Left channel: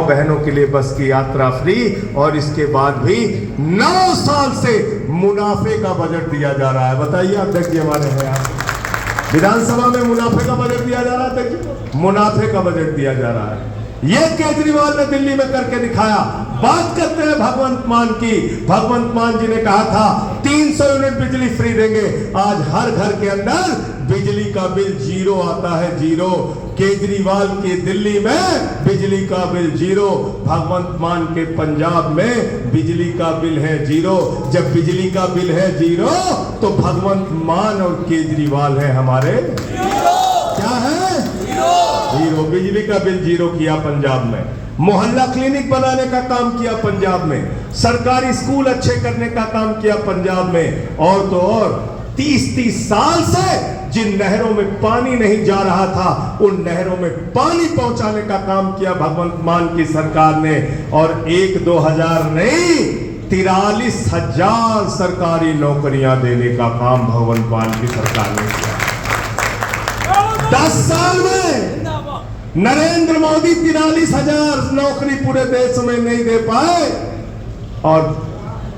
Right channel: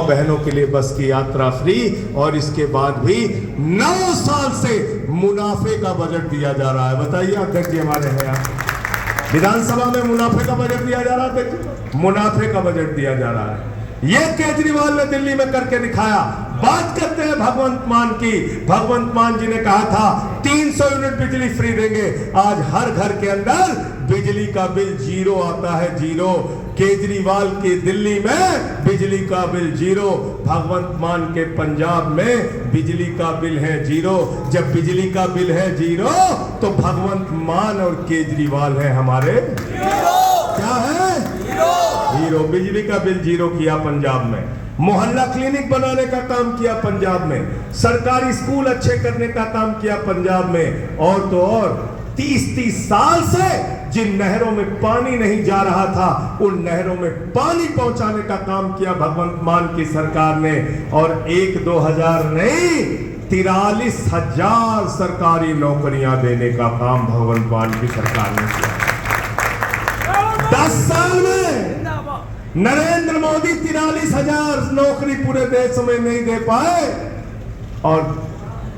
बहनों के लिए बस की यात्रा फ्री, और इसके बाद भी 9 साल से मुनाफे का बजट दिया जा रहा है। बताइए अध्यक्ष जी, हमारे हैं विधानसभा में मुनाफे का बजट दिया जा रहा है, देखिए मुनाफे का बजट दिया जा रहा है। ये केजरीवाल ने दिल्ली में करके दिखाया। बात करते हैं भगवंत मान की। भगवंत मान जी ने कहा था 300 यूनिट बिजली फ्री देंगे। आज हर घर के अंदर बिजली का बिल 0 आता है, 0। केजरीवाल के दिल्ली में बिजली का बिल 0, भगवंत मान के पंजाब में बिजली का बिल है 0। जब बिजली का बिल है 0 तो भगवंत मान और केजरीवाल है हमारे क्या है 0। बिजली का बिल 0 किया पंजाब में, मोहल्ला क्लिनिक बनाने का काम किया पंजाब में, सरकारी स्कूल अच्छे करने का काम किया पंजाब में, और तो और 30-30 साल से जिन नहरों में पानी नहीं जा रहा था उन नहरों में पानी पहुंचाने का काम किया भगवंत मान की सरकार ने। और 1-2 हजार नहीं, 43,000 सरकारी नौकरियां देने का काम भगवंत मान की सरकार ने किया। 10 साल में नरेंद्र मोदी 43,000 नौकरी पूरे देश में नहीं दे पाए, और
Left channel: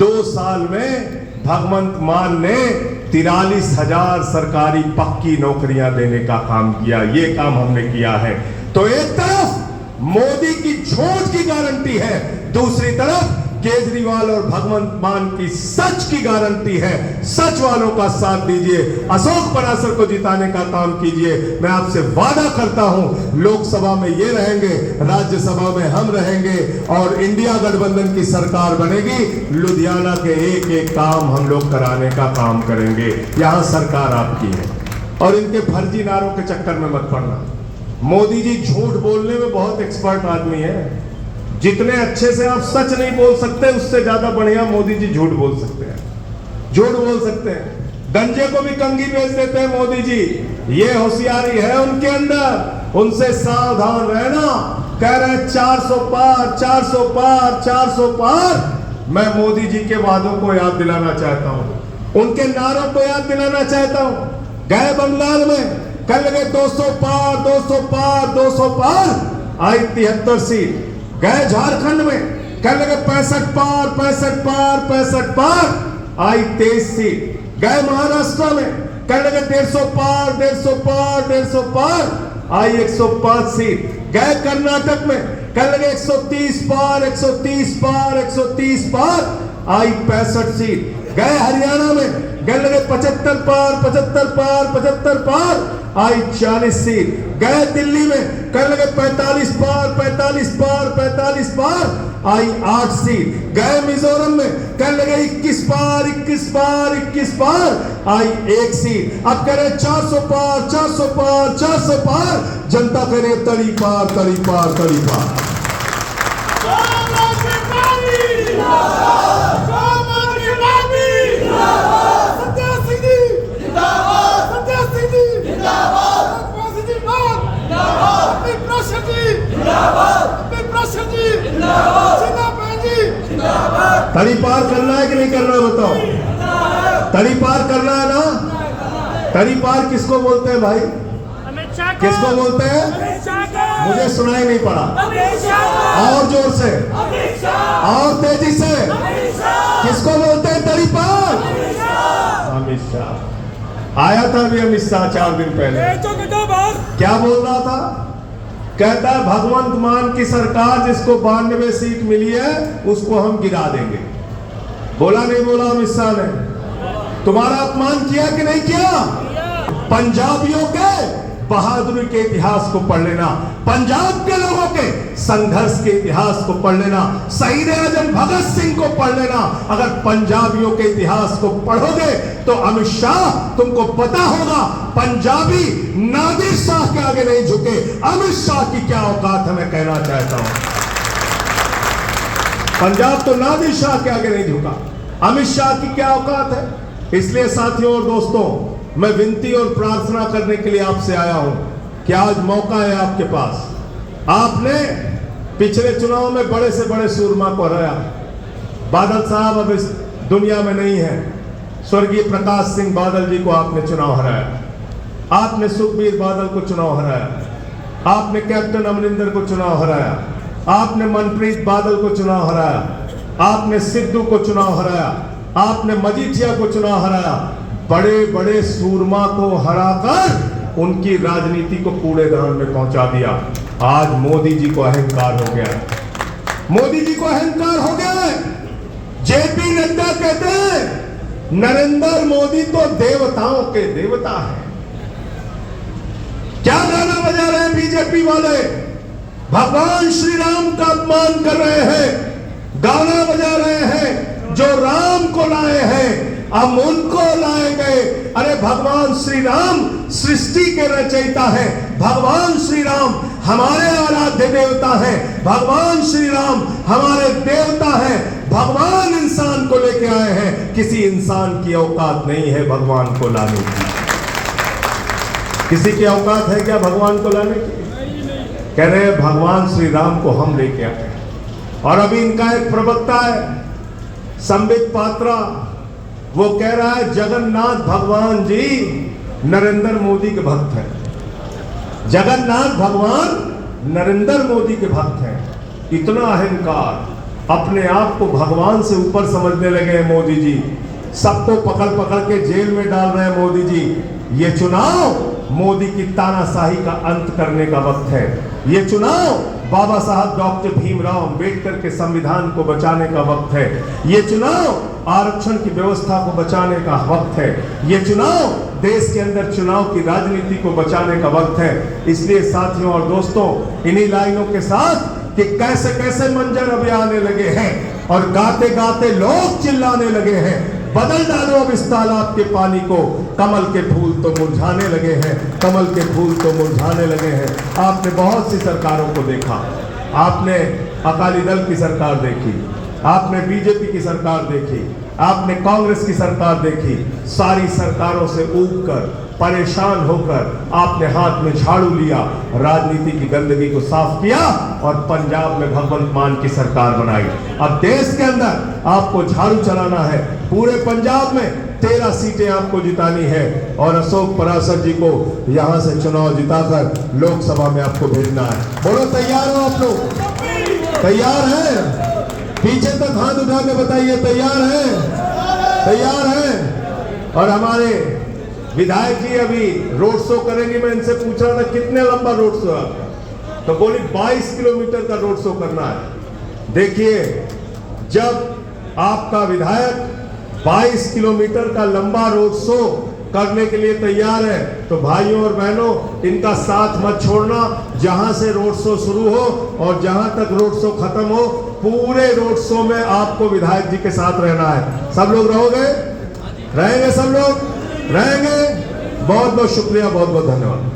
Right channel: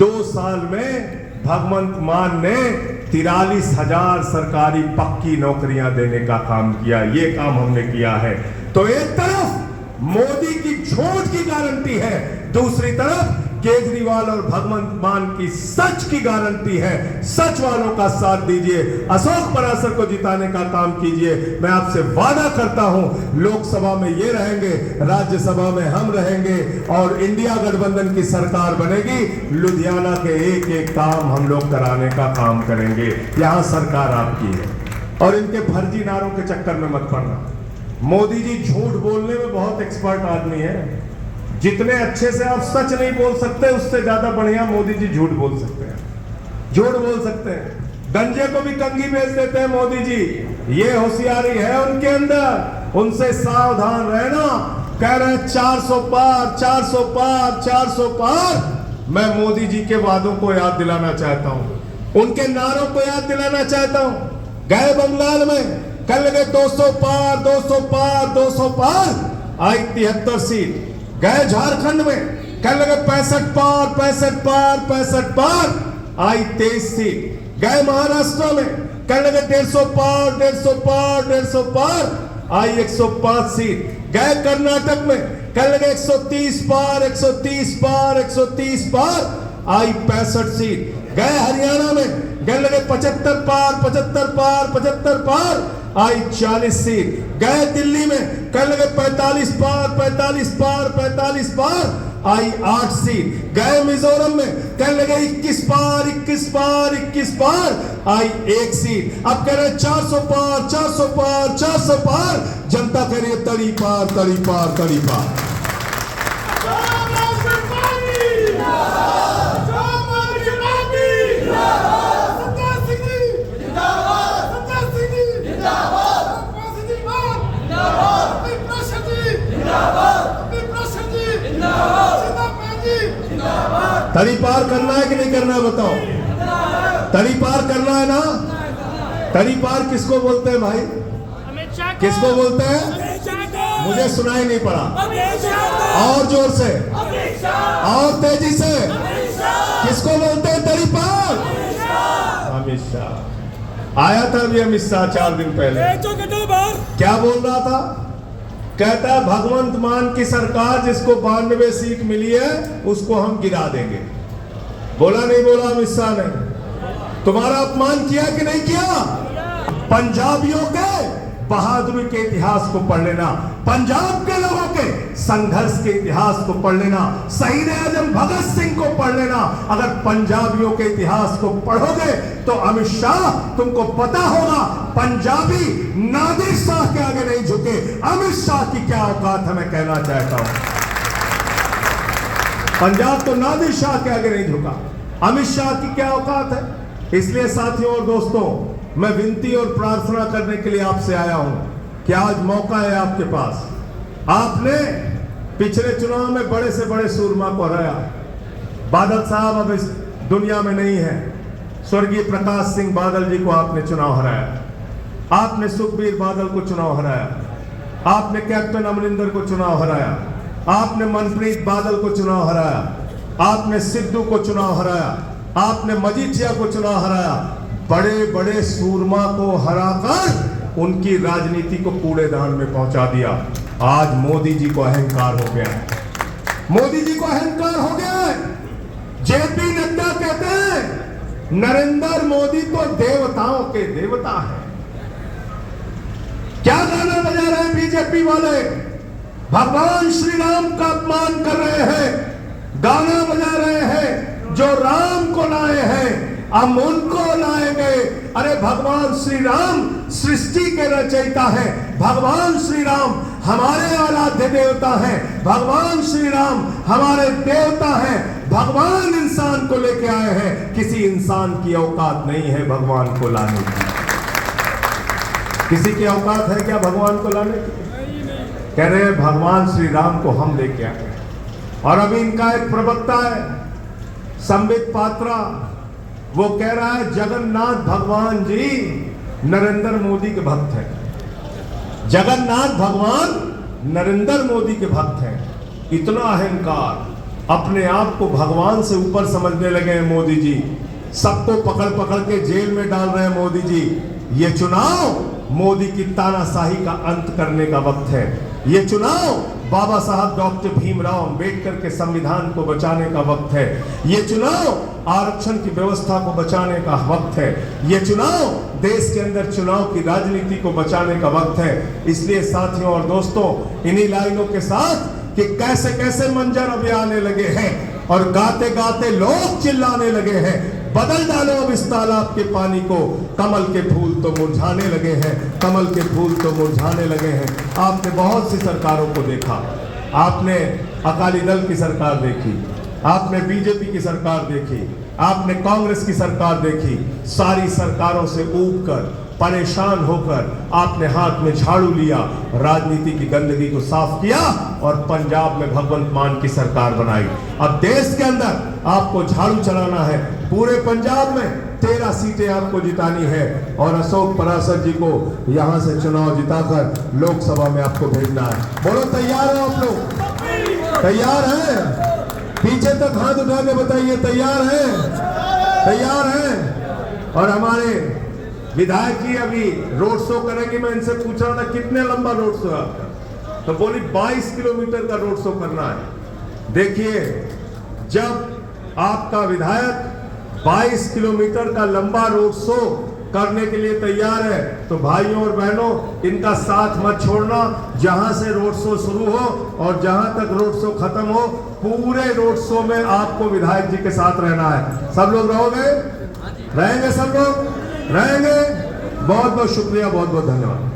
2 साल में भगवंत मान ने 43,000 सरकारी पक्की नौकरियां देने का काम किया। ये काम हमने किया है। तो एक तरफ मोदी की झूठ की गारंटी है, दूसरी तरफ केजरीवाल और भगवंत मान की सच की गारंटी है। सच वालों का साथ दीजिए, अशोक पराशर को जिताने का काम कीजिए। मैं आपसे वादा करता हूं, लोकसभा में ये रहेंगे, राज्यसभा में हम रहेंगे, और इंडिया गठबंधन की सरकार बनेगी। लुधियाना के एक एक काम हम लोग कराने का काम करेंगे। यहां सरकार आपकी है, और इनके फर्जी नारों के चक्कर में मत पड़ना। मोदी जी झूठ बोलने में बहुत एक्सपर्ट आदमी है। जितने अच्छे से आप सच नहीं बोल सकते, उससे ज्यादा बढ़िया मोदी जी झूठ बोल सकते हैं। झूठ बोल सकते हैं, गंजे को भी कंघी बेच देते हैं मोदी जी। ये होशियारी है उनके अंदर, उनसे सावधान रहना। कह रहे 400 पार, 400 पार, 400 पार। मैं मोदी जी के वादों को याद दिलाना चाहता हूं, उनके नारों को याद दिलाना चाहता हूं। गए बंगाल में, कल लगे 200 पार, 200 पार, 200 पार, आई 73 सीट। गए झारखंड में, कल लगे 65 पार, 65 पार, 65 पार, आई 23 सीट। गए महाराष्ट्र में, कल लगे 150 पार, 150 पार, 150 पार, आई 105 सीट। गए कर्नाटक में, कल लगे 130 पार, 130 पार, 130 पार, आई 65 सीट। गए हरियाणा में, कल लगे 75 पार, 75 पार, 75 पार, आई 40 सीट। गए दिल्ली में, कल लगे 45 पार, 45 पार, 45 पार, आई 8 सीट। गए मिजोरम में, कल लगे 21 पार, 21 पार, 21 पार, आई 1 सीट। अब कह रहे 400 पार, 400 पार, 400 पार। जनता करे तड़ी पार, तड़ी पार, तड़ी पार। तड़ी पार करना है कि नहीं करना, बताओ। तड़ी पार करना है ना। तड़ी पार किसको बोलते हैं भाई, किसको बोलते हैं? मुझे सुनाई नहीं पड़ा, और जोर से, और तेजी से। किसको बोलते हैं तड़ी पार? अमित शाह आया था अभी, अमित शाह 4 दिन पहले। क्या बोल रहा था? कहता है भगवंत मान की सरकार जिसको 92 सीट मिली है उसको हम गिरा देंगे। बोला नहीं बोला अमित शाह ने? तुम्हारा अपमान किया कि नहीं किया? पंजाबियों के बहादुरी के इतिहास को पढ़ लेना, पंजाब के लोगों के संघर्ष के इतिहास को पढ़ लेना, शहीद आजम भगत सिंह को पढ़ लेना। अगर पंजाबियों के इतिहास को पढ़ोगे तो अमित शाह, तुमको पता होगा पंजाबी नादिर शाह के आगे नहीं झुके। अमित शाह की क्या औकात है, मैं कहना चाहता हूं। पंजाब तो नादिर शाह के आगे नहीं झुका, अमित शाह की क्या औकात है। इसलिए साथियों और दोस्तों, मैं विनती और प्रार्थना करने के लिए आपसे आया हूं कि आज मौका है आपके पास। आपने पिछले चुनाव में बड़े से बड़े सूरमा को हराया। बादल साहब अब इस दुनिया में नहीं है। स्वर्गीय प्रकाश सिंह बादल जी को आपने चुनाव हराया, आपने सुखबीर बादल को चुनाव हराया, आपने कैप्टन अमरिंदर को चुनाव हराया, आपने मनप्रीत बादल को चुनाव हराया, आपने सिद्धू को चुनाव हराया, आपने मजीठिया को चुनाव हराया। बड़े बड़े सूरमा को हराकर उनकी राजनीति को कूड़ेदान में पहुंचा दिया। आज मोदी जी को अहंकार हो गया, मोदी जी को अहंकार हो गया। जेपी नड्डा कहते हैं नरेंद्र मोदी तो देवताओं के देवता है। क्या गाना बजा रहे हैं बीजेपी वाले? भगवान श्री राम का अपमान कर रहे हैं, गाना बजा रहे हैं जो राम को लाए हैं अब उनको लाएंगे। अरे भगवान श्री राम सृष्टि के रचयिता है, भगवान श्री राम हमारे आराध्य देवता है, भगवान श्री राम हमारे देवता है। भगवान इंसान को लेके आए हैं, किसी इंसान की औकात नहीं है भगवान को लाने की। किसी की औकात है क्या भगवान को लाने की? कह रहे हैं भगवान श्री राम को हम लेके आए। और अभी इनका एक प्रवक्ता है संबित पात्रा, वो कह रहा है जगन्नाथ भगवान जी नरेंद्र मोदी के भक्त हैं। जगन्नाथ भगवान नरेंद्र मोदी के भक्त हैं। इतना अहंकार, अपने आप को भगवान से ऊपर समझने लगे हैं मोदी जी। सबको पकड़ पकड़ के जेल में डाल रहे हैं मोदी जी। ये चुनाव मोदी की तानाशाही का अंत करने का वक्त है। ये चुनाव बाबा साहब डॉक्टर भीमराव अंबेडकर के संविधान को बचाने का वक्त है। ये चुनाव आरक्षण की व्यवस्था को बचाने का वक्त है। ये चुनाव देश के अंदर चुनाव की राजनीति को बचाने का वक्त है। इसलिए साथियों और दोस्तों, इन्हीं लाइनों के साथ कि कैसे कैसे मंजर अभी आने लगे हैं और गाते गाते लोग चिल्लाने लगे हैं, बदल डालो अब इस तालाब के पानी को, कमल के फूल तो मुरझाने लगे हैं, कमल के फूल तो मुरझाने लगे हैं। आपने बहुत सी सरकारों को देखा, आपने अकाली दल की सरकार देखी, आपने बीजेपी की सरकार देखी, आपने कांग्रेस की सरकार देखी। सारी सरकारों से ऊबकर परेशान होकर आपने हाथ में झाड़ू लिया, राजनीति की गंदगी को साफ किया और पंजाब में भगवंत मान की सरकार बनाई। अब देश के अंदर आपको झाड़ू चलाना है, पूरे पंजाब में 13 सीटें आपको जितानी है और अशोक पराशर जी को यहां से चुनाव जिताकर लोकसभा में आपको भेजना है। बोलो तैयार हो आप लोग? तैयार है? पीछे तक हाथ उठा के बताइए तैयार है? तैयार है? और हमारे विधायक जी अभी रोड शो करेंगे। मैं इनसे पूछ रहा था कितने लंबा रोड शो है, तो बोली 22 किलोमीटर का रोड शो करना है। देखिए, जब आपका विधायक 22 किलोमीटर का लंबा रोड शो करने के लिए तैयार है तो भाइयों और बहनों, इनका साथ मत छोड़ना। जहां से रोड शो शुरू हो और जहां तक रोड शो खत्म हो, पूरे रोड शो में आपको विधायक जी के साथ रहना है। सब लोग रहोगे? रहेंगे? सब लोग रहेंगे? बहुत बहुत शुक्रिया, बहुत बहुत धन्यवाद।